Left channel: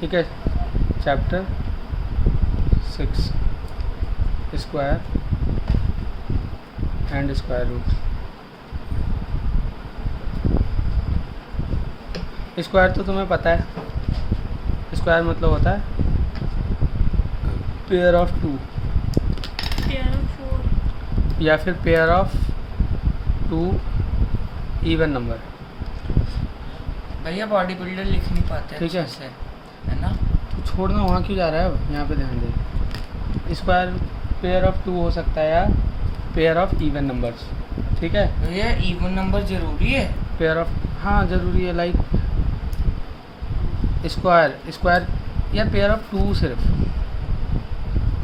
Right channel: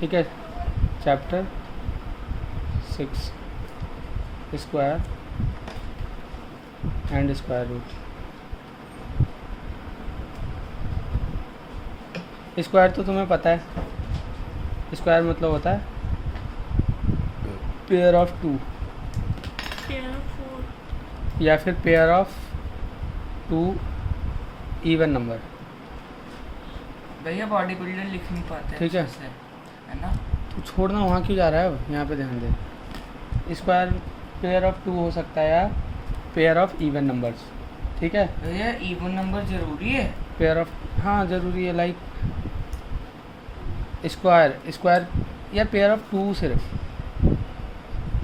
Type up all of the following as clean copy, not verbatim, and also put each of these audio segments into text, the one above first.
ठीक है। Chapter 6 square and square root. Square तो तुम्हें पता है, स्क्वायर मतलब होता है पेयर ऑफ टू या फिर pair of two even number. भैया बॉडी बिल्डर लिख नहीं पाते ठीक है। अच्छे से, है ना? तो छोड़ना, वहाँ क्यों जा रहा है, अब यहाँ पे ध्यान दे। स्क्वायर पेयर ऑफ टू हो सकता है या पेयर ऑफ इवन नंबर्स। ठीक है। भैया इवन नंबर जरूरी है? पेयर ऑफ, हाँ ज़रूरी है। लाइक स्क्वायर या पेयर ऑफ टू सिर्फ,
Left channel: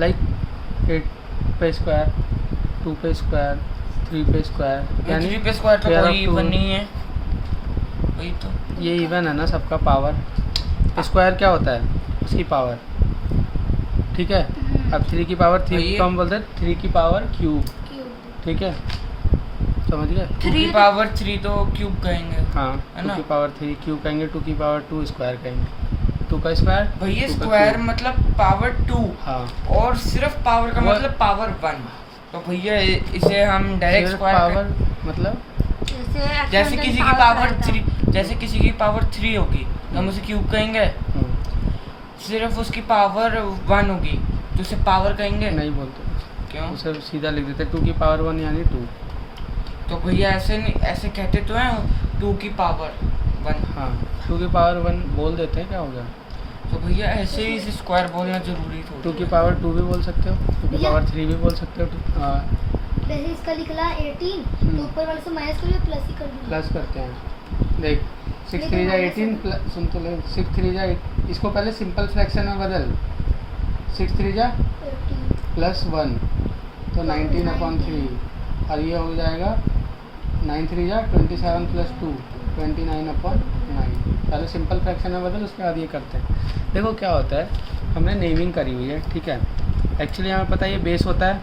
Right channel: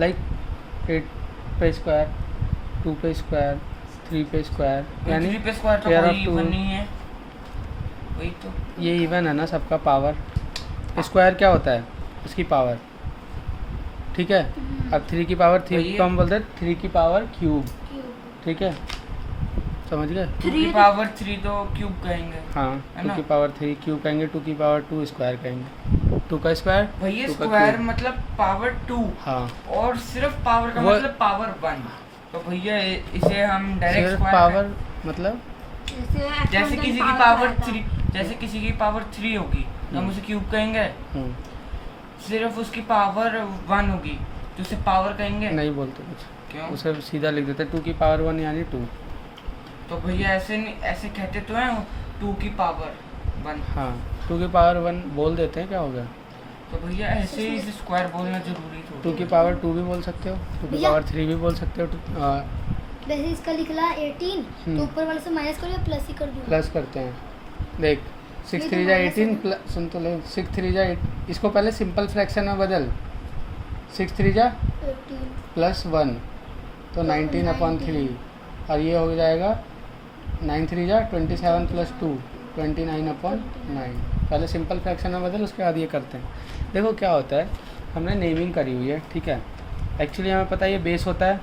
लाइक 8 पे स्क्वायर, 2 पे स्क्वायर, 3 पे स्क्वायर, यानी 3 पे स्क्वायर तो पेयर कोई ऑफ टू। इवन नहीं है। वही तो। ये इवन है ना, सबका पावर। स्क्वायर क्या होता है, इसकी पावर। ठीक है। अब 3 की पावर 3 को हम बोलते हैं 3 की पावर क्यूब। ठीक है, समझ गए। 2 की पावर 3 तो क्यूब कहेंगे। हाँ, है 2 ना? की पावर 3 क्यूब कहेंगे, 2 की पावर 2 स्क्वायर कहेंगे। 2 का स्क्वायर, भैया 2 का स्क्वायर क्यूब। मतलब पावर 2 हाँ, और सिर्फ पावर का वो- मतलब पावर 1। तो भैया इसे हम डायरेक्ट सिर्फ स्क्वायर पावर मतलब जैसे किसी की पावर 3, जैसे किसी की पावर 3 होगी तो हम उसे क्यूब कहेंगे। सिर्फ उसकी पावर 1 होगी तो उसे पावर कहेंगे। नहीं बोलते कुछ, क्यों? उसे सीधा लिख देते 2 की पावर 1 यानी 2। तो भैया ऐसे नहीं, ऐसे कहते तो हैं 2 की पावर 1। हाँ, 2 की पावर 1 बोल देते हैं, क्या हो गया। तो भैया ऐसे ही इसे स्क्वायर बोलना जरूरी 2 की थोड़ी पावर 2 भी बोल सकते हो, 2 की भैया। पावर 3 भी बोल सकते हो। वैसे इसका लिखला 18 हम्म। तो ऊपर वाले से माइनस कर लिया प्लस ही कर दूंगा। प्लस करते हैं। देख 6 3 जा 18 प्लस, सुन तो ले, 6 3 जा, इसको पहले सिंपल फ्रैक्शन में बदल। 6 3 जा 18 प्लस 1 तो 19/3, और ये हो जाएगा 9 3 जा 27 प्लस 2 29/9। पहले सिंपल फ्रैक्शन में बदल, उसके बाद ये करते हैं। देखो क्या होता है, हमने नेमिंग करी हुई है। ठीक है। एक्चुअली हमें पता है ये बेस होता है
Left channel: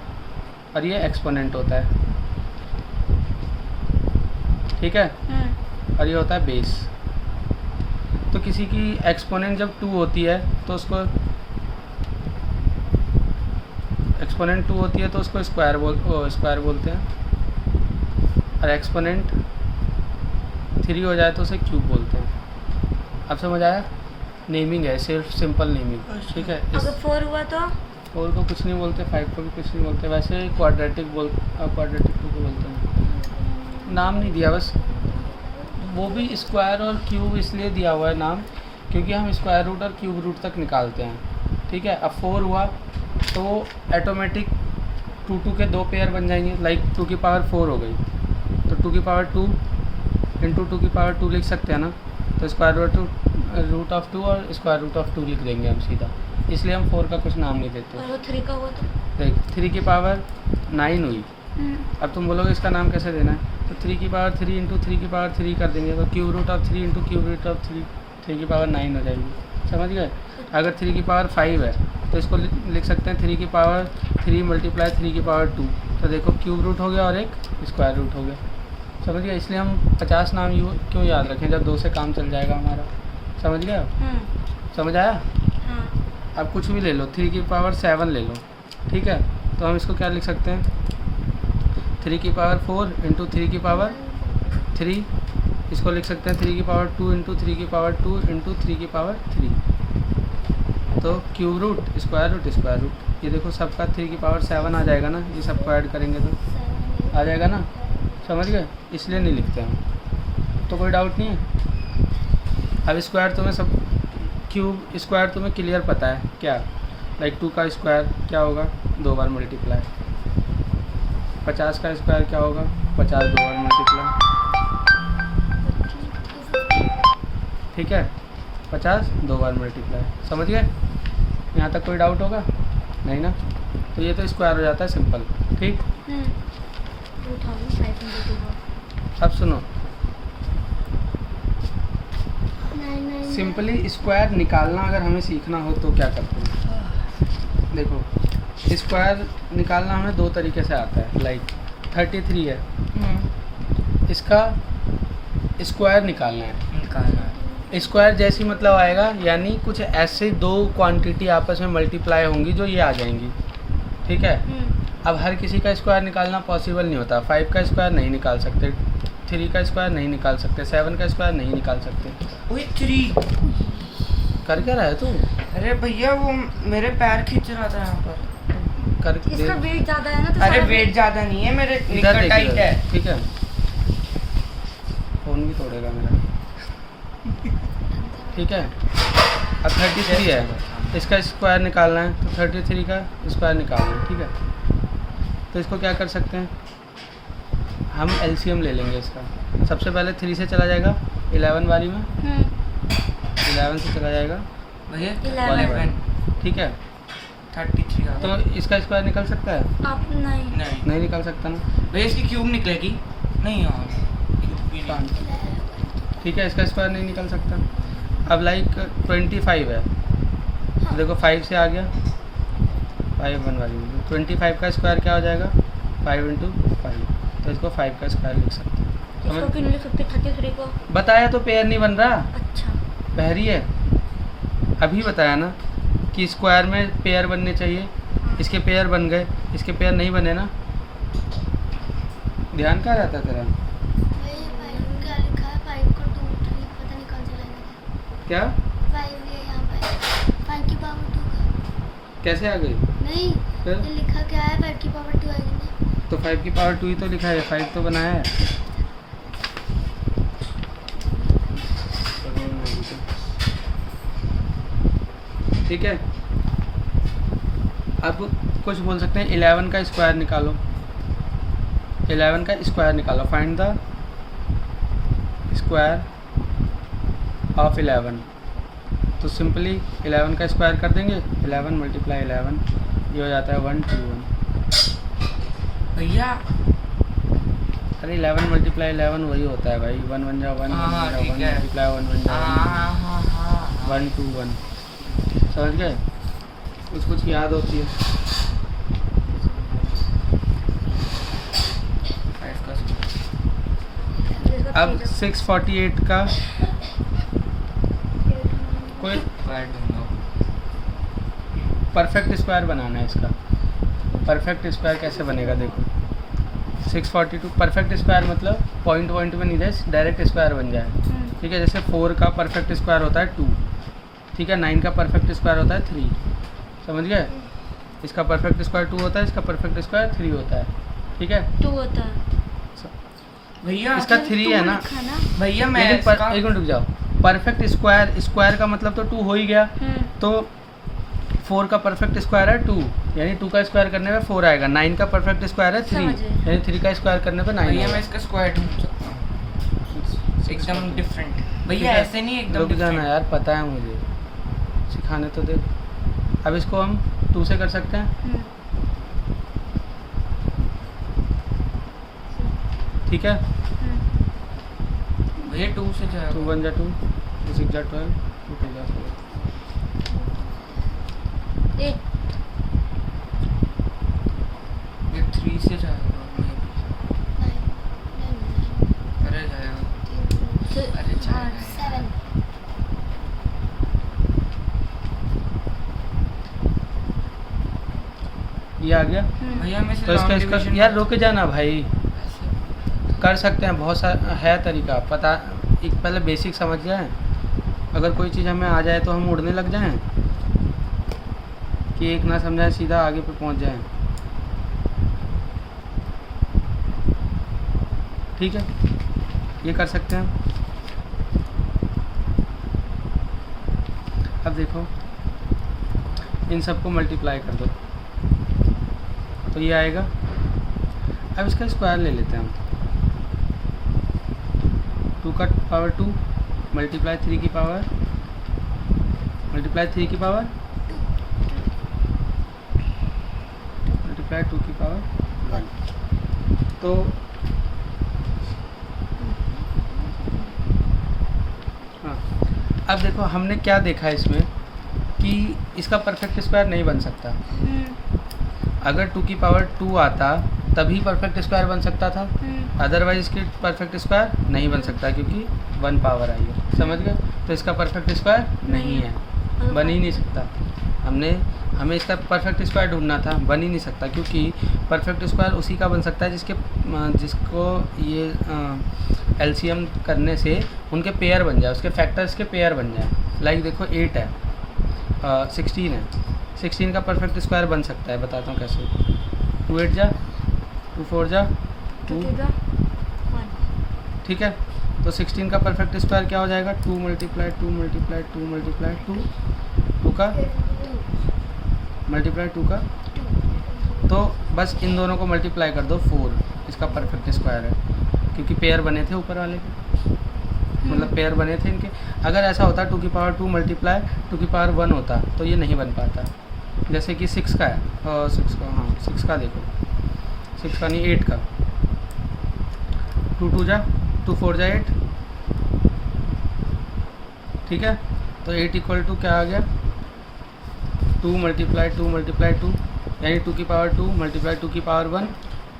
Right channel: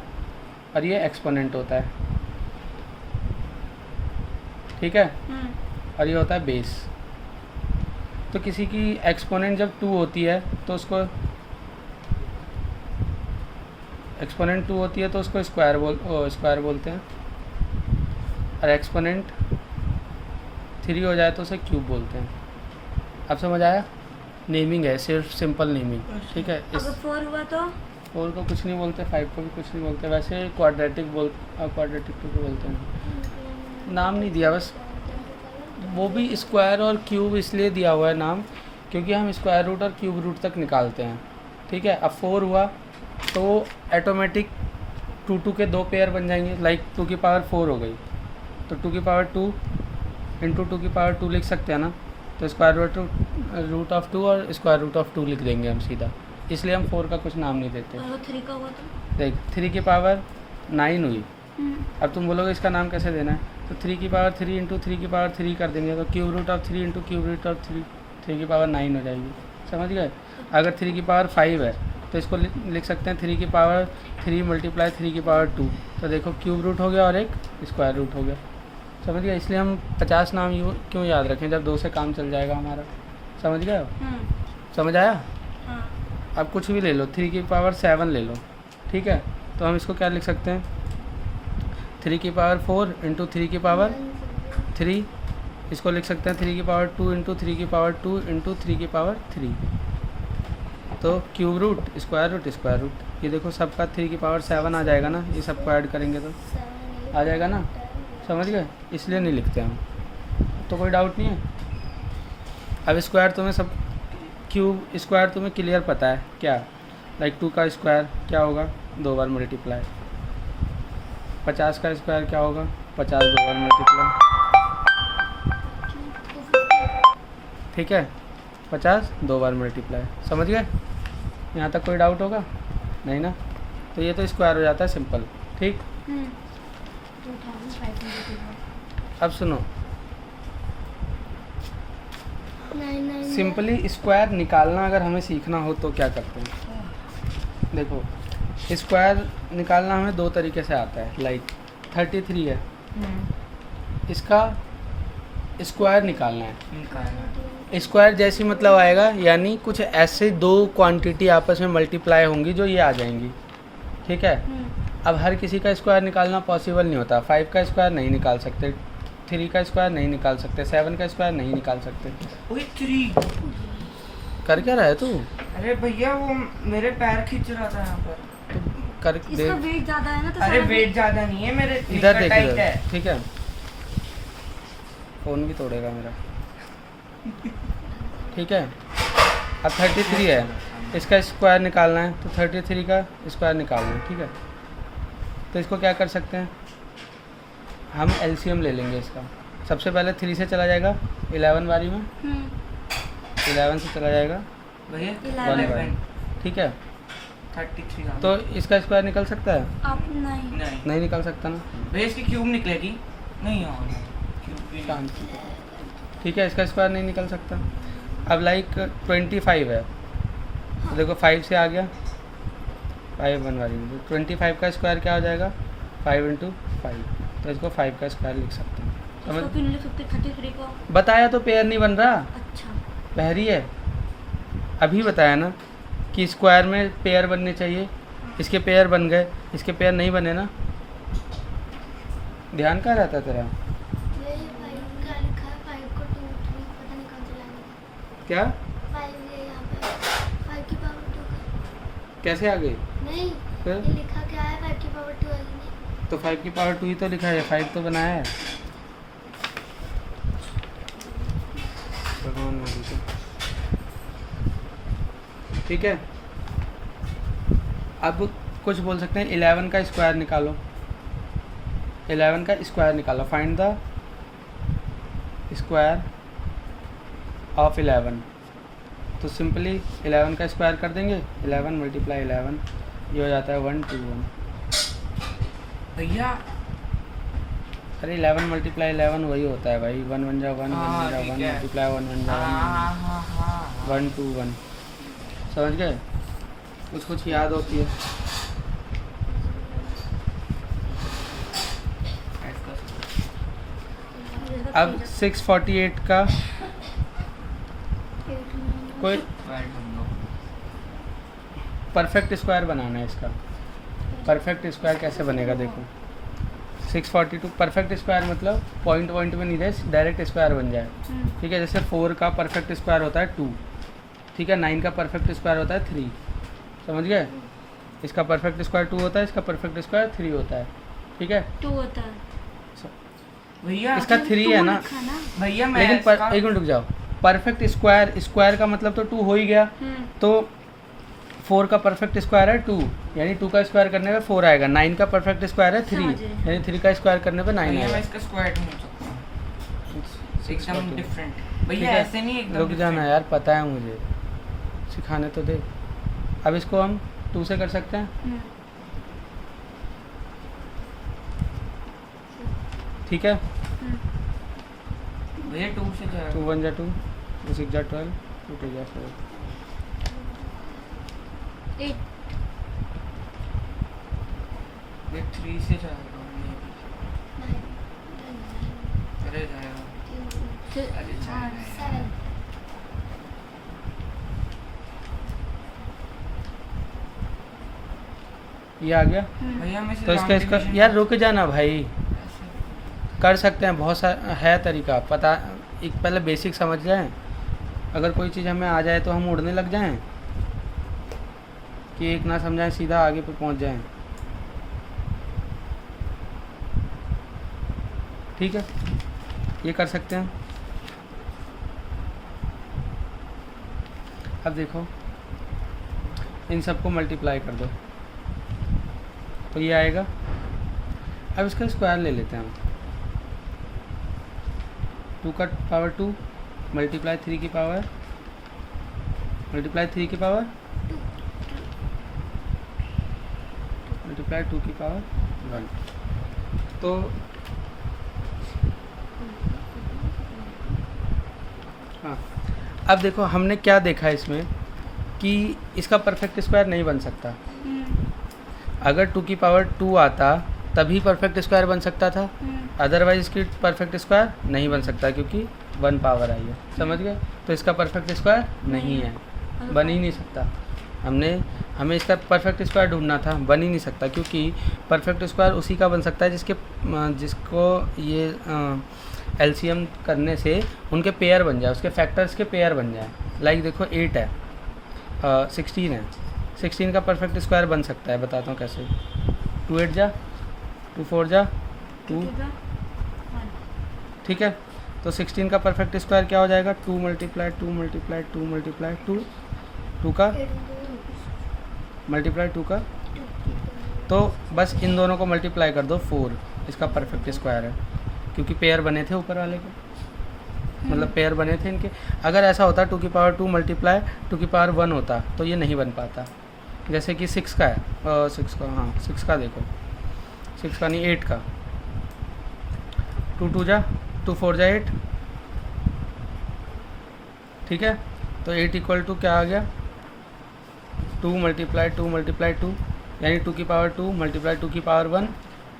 और ये एक्सपोनेंट होता है। ठीक है। और ये होता है बेस। तो किसी की एक्सपोनेंट जब 2 होती है तो उसको एक्सपोनेंट 2 होती है तो उसको स्क्वायर बोलते हैं, और एक्सपोनेंट 3 हो जाए तो उसे क्यूब बोलते हैं। अब समझ आया। नेमिंग है, सिर्फ सिंपल नेमिंग। ठीक है। इस अगर 4 हुआ तो 4 को कुछ नहीं बोलते, 5 को भी कुछ नहीं बोलते। वैसे क्वाड्रेटिक क्वाड्रेटिक को बोलते हैं, नाम नहीं दिया बस। वो भी स्क्वायर और क्यूब इसलिए दिया हुआ है नाम, क्योंकि हम स्क्वायर रूट और क्यूब रूट तक निकालते हैं। ठीक है। अब 4 हुआ तो ऑटोमेटिक 2 के 2 पेयर बन जाएंगे। लाइक 2 की पावर 4 हो गई तो 2 की पावर 2 इंटू 2 की पावर 2 लिख सकते हैं ना। तो स्क्वायर रूट ऑफ 2 और स्क्वायर रूट ऑफ 2 लिख देंगे हम सीधा, इसलिए हम 4 का कुछ नाम नहीं देते। और 3 का हुआ तो देख 3 की पावर 9 हुई। अब तुम बोलोगे इसका नाम कैसे देना है, तो 3 की पावर 3 इंटू 3 की पावर 3 कर देंगे, तो cube root of 3 into cube root of 3 की पावर 9 हो जाएगी। समझ गए। अगर 3 की पावर 5 है तो इसको लिख सकते हैं 3 की पावर 3 मल्टीप्लाई 3 की पावर 2। तो देखो क्यूब रूट हो गया और एक स्क्वायर रूट हो गया। समझ गया। इसलिए हम 50 नाम क्यों याद रखें जब 2 से काम चल जाएगा हमारा। समझ गए आप? समझ आया। अब कुछ भी ले लो, 3 की पावर 7 ले लो। ठीक है। तो हम इसको क्या लिख सकते हैं, 3 की पावर 4 इंटू 3 की पावर 3। इसको लिख सकते हैं 3 की पावर 2 इंटू 3 की पावर 2 इंटू 3 की पावर 3। तो क्यूब रूट स्क्वायर रूट, ये देखो सबका 3 की पावर 7 आ जाएगा ना, ये सबको ऐड करेंगे तो आ जाएगा ना। समझ गए। इसलिए नहीं लिखते हम। तो कोई डाउट नहीं है। अब स्क्वायर तुम्हें सब, क्यूब स्क्वायर तुम्हें क्लियर पता है क्या। लाइक 2 का स्क्वायर क्या होगा, 2 बार मल्टीप्लाई। 50 का स्क्वायर क्या होगा, 50 2 बार मल्टीप्लाई। ठीक है। 50 2 बार मल्टीप्लाई। समझ गए। यहाँ तक कोई डाउट होगा नहीं ना। तो ये तो स्क्वायर हो जाता है सिंपल। ठीक। अब सुनो, सिंपली स्क्वायर निकालना अगर हमें सीखना हो तो क्या करते हैं। देखो स्क्वायर निकालना हमें 2 तरीके से आता है। लाइक 33 है, इसका स्क्वायर निकालना है। स्क्वायर जैसी मतलब आएगा, यानी कुछ ऐसे दो क्वांटिटी आपस में मल्टीप्लाई होंगी जो ये आ जाएंगी, ठीक है। अब हर किसी का स्क्वायर निकालना पॉसिबल नहीं होता। 5 का स्क्वायर नहीं निकाल सकते, 3 का स्क्वायर नहीं निकाल सकते, 7 का स्क्वायर नहीं निकाल सकते। ओए 3। कर क्या रहा है तू? अरे भैया वो मेरे पैर खींच रहा था यहाँ पर। कर इसका वेट ज्यादा है ना, तो अरे शायद- वेट ज्यादा नहीं है, मेरे इधर निक्कर देख टाइट इधर, है। ठीक है। फोन भी तोड़ेगा मेरा, ठीक है। अब 33 है, इसका स्क्वायर निकालना है, तो 33 का स्क्वायर निकालना है, ठीक है। तो इसको क्या कर सकते हैं, हम एलसीएम ले लेंगे इसका। सबसे पहले 3 से चला जाएगा 11 वाली में, 11 से चला जाएगा भैया 11, ठीक है। 33 आ तो इसका स्क्वायर निकल सकता है? आप नहीं नहीं नहीं निकल सकता ना, भैया इसकी क्यूब निकलेगी नहीं। हाँ क्यूब भी नहीं। ठीक है, इसका स्क्वायर नहीं निकल सकता। अब लाइक 25 है, तो देखो 5 से आ गया, 5 1 वाली 25 का स्क्वायर क्या हो जाएगा, 5 × 5, तो इसको 5 का स्क्वायर लिख सकते हैं। इसको समझ क्यों नहीं लिख सकते 33 को? बताया तो पेयर नहीं बन रहा, अच्छा पहरी है। अभी बताया ना कि स्क्वायर में पेयर बनने चाहिए, इसके पेयर बन गए, इसके पेयर नहीं बने ना। ध्यान क्या रहता तेरा? क्या कैसे आ गई? फिर? लिखा क्या है 5 की पावर 2 आएगी। तो 5 की पावर 2 ही तो लिखा है, 5 तो बनाया है। ठीक है, अब कुछ बोल सकते हैं 11 का स्क्वायर निकालो, 11 का स्क्वायर निकालो, फाइंड द स्क्वायर ऑफ 11। तो सिंपली 11 का स्क्वायर कर देंगे, 11 × 11, ये हो जाता है 121। भैया अरे 11 × 11 वही होता है भाई, 1 1 जा 1 हाँ, 1 जा 1 ठीक है। मल्टीप्लाई 1 1 जा 1 121। समझ गए? कुछ याद होती है। अब 648 का कोई परफेक्ट स्क्वायर बनाना है इसका। परफेक्ट स्क्वायर कैसे बनेगा देखो, 642 परफेक्ट स्क्वायर मतलब पॉइंट में नहीं दे, डायरेक्ट स्क्वायर बन जाए, ठीक है। जैसे 4 का परफेक्ट स्क्वायर होता है 2, ठीक है। 9 का परफेक्ट स्क्वायर होता है 3, समझ गए? इसका परफेक्ट स्क्वायर 2 होता है, इसका परफेक्ट स्क्वायर 3 होता है, ठीक है। 2 होता है भैया इसका 3 है ना, भैया मैं लेकिन एक मिनट रुक जाओ। परफेक्ट स्क्वायर, स्क्वायर का मतलब तो 2 हो ही गया, तो 4 का परफेक्ट स्क्वायर है 2, यानी 2 का स्क्वायर करने पे 4 आएगा। 9 का परफेक्ट स्क्वायर है 3, यानी 3 का स्क्वायर करने पे 9 भैया मैं आएगा। इसका स्क्वायर ढूंढ सकता हूँ एकदम डिफरेंट। भैया ऐसे नहीं एकदम रुक जाना डिफरेंट। यार, पता है मुझे, सिखाने तो दे। अब इसको हम 2 से कर सकते हैं, ठीक है। भैया 2 से 2 जाएगा 1 जा 2, 2 6 जा 12, 2 2 जा 4। 8 ये 3 से जाएगा अरे जाएगा अरे जाएगा 7 ये आ गया। भैया मैं तो इसका यार रुक जाना भाई, कर सकते हैं, बहुत सारा है तरीका। पता एक पहले बेसिक समझ जाएं, अगर कोई चीज़ हमें आ जाए तो हम उड़ने लग जाएं, कि एक ना समझाएं सीधा आगे पे पहुंच जाएं, ठीक है। ये कर सकते हैं। अब देखो इन सबको मल्टीप्लाई कर दो तो ये आएगा। अब इसका स्क्वायर ले लेते हैं हम, 2 का पावर 2 मल्टीप्लाई 3 की पावर मल्टीप्लाई 3 की पावर मल्टीप्लाई 2 की पावर 1। तो हाँ, अब देखो हमने क्या देखा इसमें कि इसका परफेक्ट स्क्वायर नहीं बन सकता। अगर 2 की पावर 2 आता तभी परफेक्ट स्क्वायर बन सकता था, अदरवाइज इसकी परफेक्ट स्क्वायर नहीं बन सकता, क्योंकि 1 पावर आई है, समझ गए। तो इसका परफेक्ट स्क्वायर नहीं है, बन ही नहीं सकता। हमें इसका परफेक्ट स्क्वायर ढूंढना था, बन ही नहीं सकता, क्योंकि परफेक्ट स्क्वायर उसी का बन सकता है जिसको ये एलसीएम करने से उनके पेयर बन जाए, उसके फैक्टर्स के पेयर बन जाए। लाइक देखो 8 है, 16 है, 16 का परफेक्ट स्क्वायर बन सकता है, बताता हूँ कैसे। 2 8 जा, 2 4 जा, 2, ठीक है। तो 16 का परफेक्ट स्क्वायर क्या हो जाएगा, 2 मल्टीप्लाई 2 मल्टीप्लाई 2 मल्टीप्लाई 2, 2 का मल्टीप्लाई 2 का, तो बस इन दोनों को मल्टीप्लाई कर दो 4, इसका परफेक्ट स्क्वायर है, क्योंकि पेयर बने थे ऊपर वाले के, मतलब पेयर बने थे इनके। अगर ऐसा होता 2 की पावर 2 मल्टीप्लाई 2 की पावर 1 होता तो ये नहीं बन पाता। जैसे कि 6 का है, 6 का, हाँ 6 का देखो, 6 का नहीं 8 का, 2 2 जा, 2 4 जा 8, ठीक है। तो 8 इक्वल टू क्या आ गया, 2 मल्टीप्लाई 2 मल्टीप्लाई 2, यानी 2 की पावर 2 मल्टीप्लाई 2 की पावर 1।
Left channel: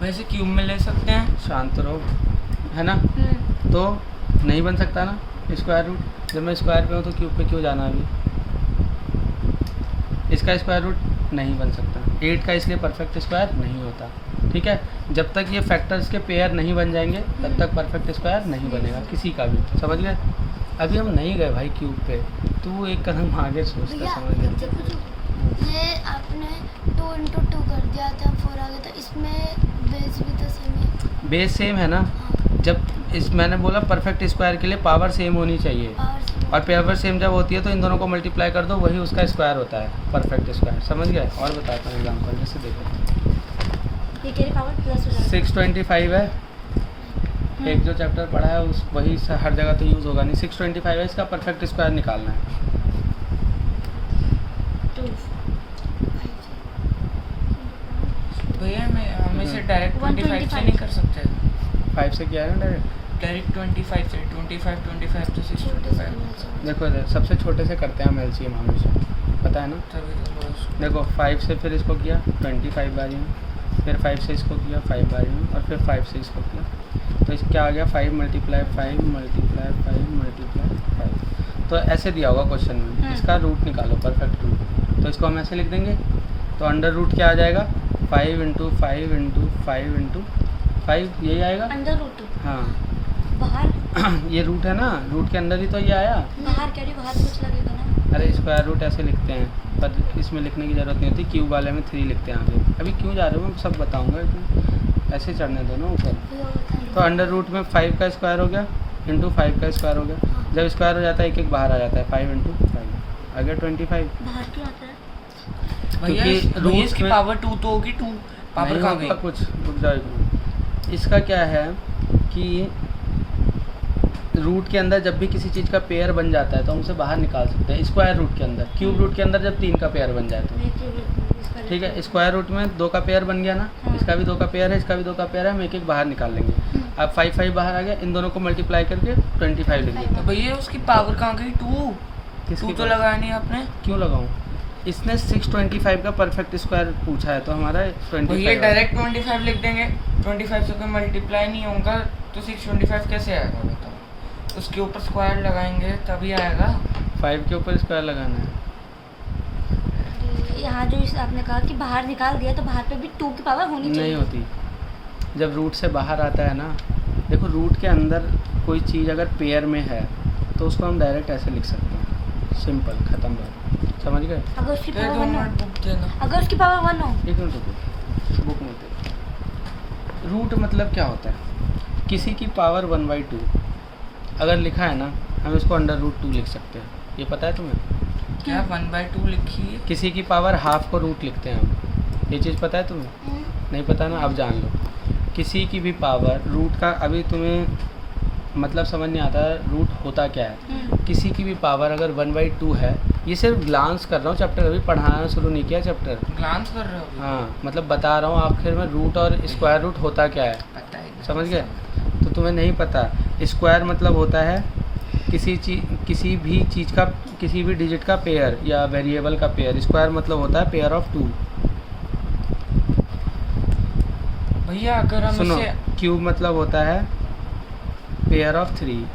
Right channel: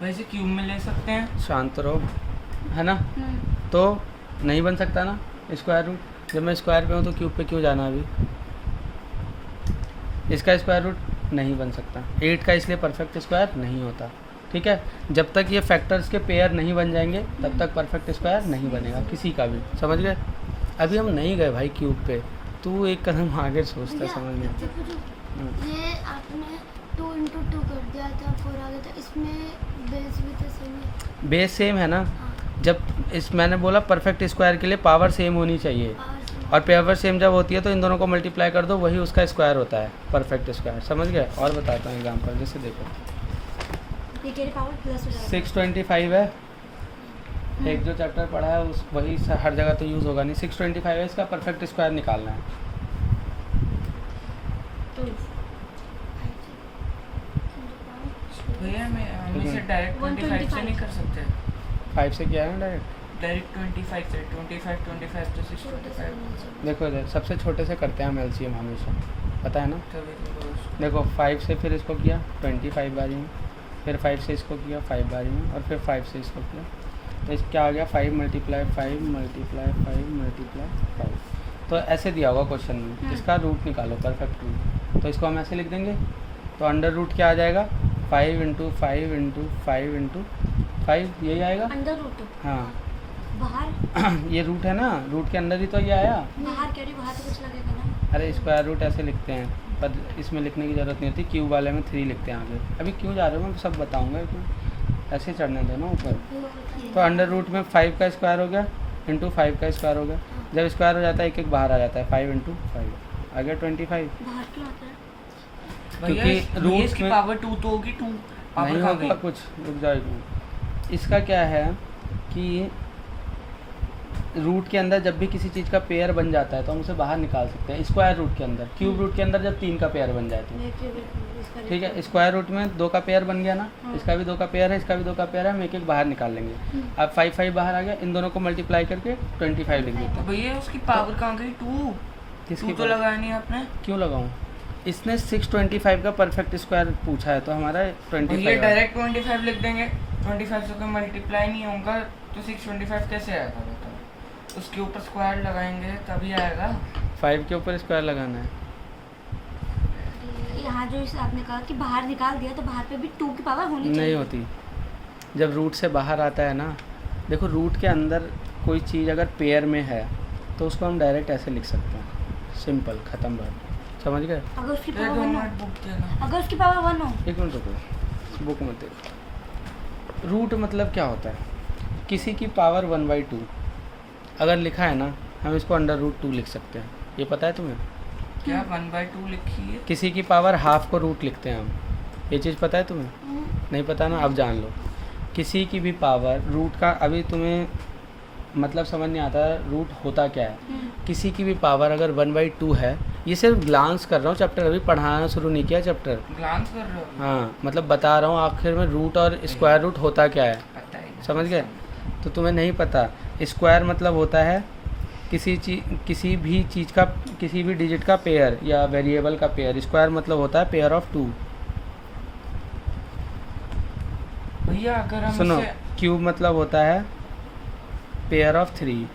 वैसे क्यूब में ले सकते हैं, शांत रहो, है ना। तो नहीं बन सकता ना स्क्वायर रूट, जब मैं स्क्वायर पे हूँ तो क्यूब पे क्यों जाना है अभी। इसका स्क्वायर रूट नहीं बन सकता, 8 का इसलिए परफेक्ट स्क्वायर नहीं होता, ठीक है। जब तक ये फैक्टर्स के पेयर नहीं बन जाएंगे तब तक परफेक्ट स्क्वायर नहीं बनेगा किसी का भी, समझ गए। अभी हम नहीं गए भाई क्यूब पे, तू एक कदम आगे सोचता, भैया समझ गया। ये आपने 2 इंटू 2 कर दिया था, 4 आ गया था, इसमें बेस भी तो सेम है। बेस सेम है ना, जब मैंने बोला परफेक्ट स्क्वायर के लिए पावर सेम होनी चाहिए, और पावर सेम जब होती है तो इन दोनों को मल्टीप्लाई कर दो, वही उसका स्क्वायर होता है परफेक्ट स्क्वायर, समझ गया। और बताता हूँ एग्जाम्पल, जैसे देखो ये तेरी पावर प्लस हो जाएगा। 625 है, एक जो चैप्टर पढ़ा है उस वही हर जगह तो यूज़ होगा नहीं। 625 है, इसका परफेक्ट स्क्वायर निकालना है। 2 भैया हम इसे डायरेक्ट 25 से नहीं कर सकते, 5 से किया है ना डायरेक्ट 25 से, 25 तो 625। देखो इधर सबसे छोटे से करते हैं हम एलसीएम हमेशा, पता है ना। देखो 5 से फिर इसको किया 25 बारी में, फिर 5 से इसको किया 5 बारी में, और फिर 5 से इसको किया, तो इस क्या आ गया 5 मल्टीप्लाई 5 मल्टीप्लाई 5 मल्टीप्लाई 5। तो ऐसे दिया होगा क्वेश्चन में, इसका रूट निकालो परफेक्ट रूट, तो इसको हम ऐसे लिख देंगे। तो अंडर रूट क्या आ जाएगा, 5 इंटू 5 इंटू 5 इंटू 5, यही आएगा अंडर रूट। हाँ। बाहर ये रूट है ना, रूट के अंदर ही तो ये आया। बाहर कह रही, बाहर कुछ लगेगा ना। अरे स्क्वायर रूट ऐसे लिखते हैं, पर इसमें लिखने की ज़रूरत नहीं होती, क्यूब वाले में 3 लिखते हैं आगे। अभी क्यों जा रहे हो, मैं सब बताऊंगा, ऐसे चढ़ने देना ऊपर। तो अंडर रूट में 5 का स्क्वायर हो गया इंटू 5 का स्क्वायर हो गया, जब स्क्वायर हो जाता है एक एक बाहर आ जाता है, 5 इंटू 5 आ गया 25। बाहर क्यों आता है? क्योंकि रूट की में पावर 2 तो होगी, 2 पावर नहीं कहाँ होगा गई? कुछ, रुक जाओ एक मिनट। इसका क्या है कि रूट के अंदर जब भी किसी चीज़ का पेयर बन जाता है तो हम उसे बाहर निकाल सकते हैं स्क्वायर रूट के अंदर। क्यूब रूट के अंदर जब 3 का पेयर बन जाए तो ठीक है, स्क्वायर रूट में 2 का पेयर बन गया ना, इसका भी 2 का पेयर है, इसका भी 2 का पेयर है, हम एक एक बाहर निकाल लेंगे। अब 5 5 बाहर आ गया, इन दोनों को मल्टीप्लाई करके 25 लिख देते हैं। भैया उसकी पावर कहाँ गई, 2 किसकी तो लगाया नहीं आपने। क्यों लगाऊं, इसने 625 का परफेक्ट स्क्वायर पूछा है तो हमारा 25 ये डायरेक्ट 25 लिख देंगे, 25 से कोई मल्टीप्लाई नहीं होगा तो 625 कैसे आएगा बताओ। उसके ऊपर स्क्वायर लगाएंगे तभी आएगा। 5 के ऊपर स्क्वायर लगाना है। यहाँ जो इस आपने कहा कि बाहर निकाल दिया, तो बाहर पे भी 2 की पावर होनी चाहिए। नहीं होती, जब रूट से बाहर आता है ना। देखो रूट के अंदर कोई चीज़ अगर पेयर में है तो उसको हम डायरेक्ट ऐसे लिख सकते हैं, सिंपल, ख़त्म बात, समझ गए। अगर उसकी ये पावर दो 1 हो, नोट बुक देना। अगर उसकी पावर 1 हो, एक मिनट रुको, बुक में देख। रूट मतलब क्या होता है, किसी की पावर 1/2 अगर लिखा है ना, हम इसको अंडर रूट 2 लिख सकते हैं, ये पता है तुम्हें। क्या 1/2 लिखी है? किसी की पावर हाफ को रूट लिखते हैं हम, ये चीज़ पता है तुम्हें। नहीं पता ना, अब जान लो। किसी की भी पावर रूट का, अभी तुम्हें मतलब समझ नहीं आता रूट होता क्या है। किसी की भी पावर अगर 1/2 है, ये सिर्फ ग्लांस कर रहा हूँ, चैप्टर अभी पढ़ाना शुरू नहीं किया चैप्टर। ग्लांस कर रहे हो? हाँ, मतलब बता रहा हूँ आखिर में रूट और स्क्वायर रूट होता क्या है, पता है। समझ गए। तो तुम्हें नहीं पता, स्क्वायर मतलब होता है किसी भी चीज़ का, किसी भी डिजिट का पेयर या वेरिएबल का पेयर। स्क्वायर मतलब होता है पेयर ऑफ 2। भैया अगर हम सुनो, इसे क्यूब मतलब होता है पेयर ऑफ 3।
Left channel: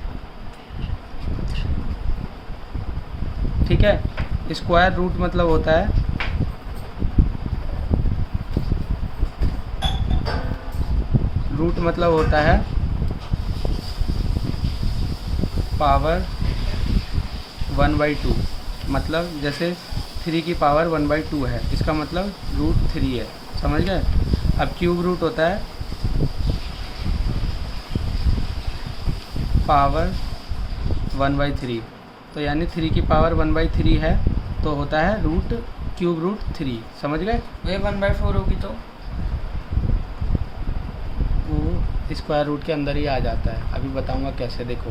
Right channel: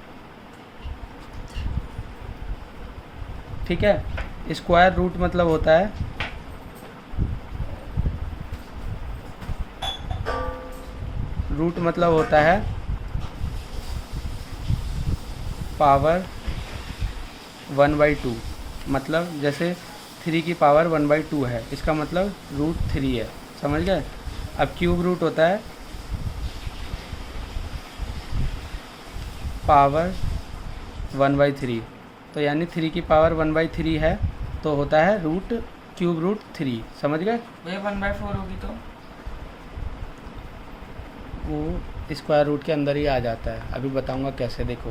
ठीक है। स्क्वायर रूट मतलब होता है पावर 1/2। मतलब जैसे 3 की पावर 1/2 है, इसका मतलब रूट 3 है, समझ गए। अब क्यूब रूट होता है पावर 1/3, तो यानी 3 की पावर 1/3 है, तो होता है क्यूब रूट 3, समझ गए। ये 1/4 होगी तो वो स्क्वायर रूट के अंदर ही आ जाता है, अभी बताऊंगा कैसे। देखो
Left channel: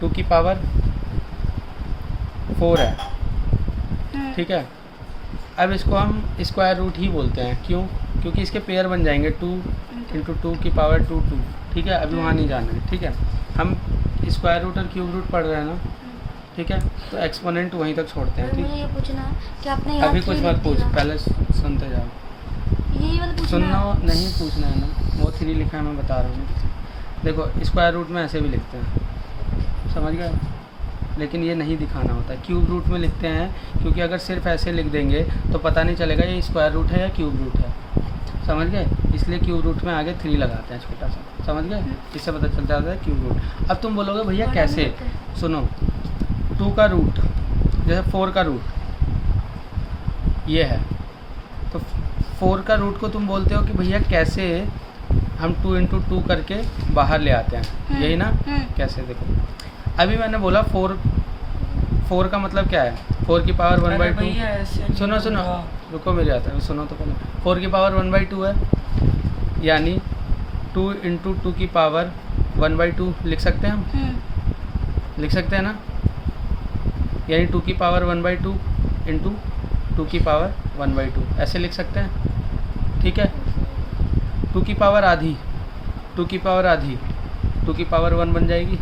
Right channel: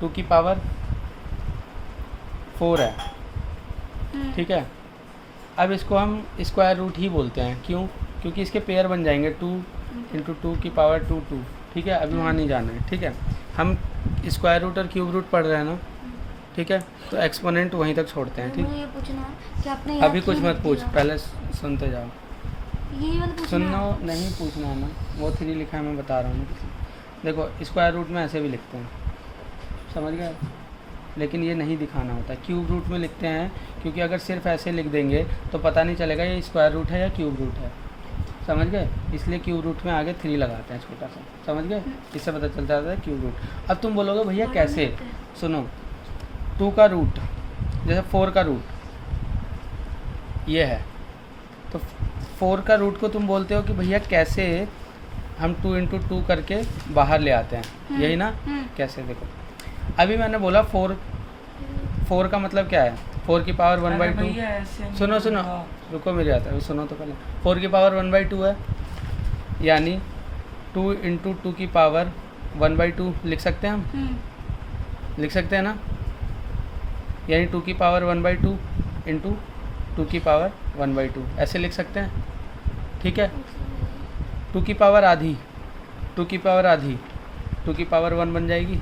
2 की पावर 4 है, ठीक है। अब इसको हम स्क्वायर रूट ही बोलते हैं, क्यों? क्योंकि इसके पेयर बन जाएंगे 2 × 2 की पावर 2, ठीक है। अभी वहाँ नहीं जाना, ठीक है। हम स्क्वायर रूट और क्यूब रूट पढ़ रहे हैं ना, ठीक है। तो एक्सपोनेंट वहीं तक छोड़ते हैं, ठीक। मुझे ये पूछना है कि आपने यहाँ अभी कुछ थ्री मत लिख पूछ, दिया। पहले सुनते जाओ। यही वाला पूछना सुनना है। नहीं पूछना है ना, वो 3 लिखा है, मैं बता रहा हूँ। देखो स्क्वायर रूट में ऐसे भी लिखते हैं, समझ गए, लेकिन ये नहीं दिखाना होता। क्यूब रूट में लिखते हैं क्योंकि अगर सिर्फ ऐसे लिख देंगे तो पता नहीं चलेगा ये स्क्वायर रूट है या क्यूब रूट है, समझ गए। इसलिए क्यूब रूट में आगे 3 लगाते हैं छोटा सा, समझ गए। इससे पता चलता है क्यूब रूट। अब तुम बोलोगे भैया कैसे, सुनो। 2 का रूट जैसे 4 का रूट ये है, तो 4 का रूट को तुम बोलते हो कि भैया कैसे हम 2 × 2 करके बाहर ले आते हैं, यही ना। कैसे, देखो अभी मैंने बोला 4 का मतलब क्या है, 4 की पावर 1/2। सुनो रुको, मेरी आता है, सुनो तो पहले। 4 की पावर 1/2 है, यानी 2 × 2 की पावर 1/2 लिख सकते हैं हम, लिख सकते हैं ना। यानी 2 की पावर 1/2 × 2 की पावर 1/2 ऐसे लिख सकते हैं, ठीक है। 2 की पावर आधी 2 की पावर 1 बन जाएगी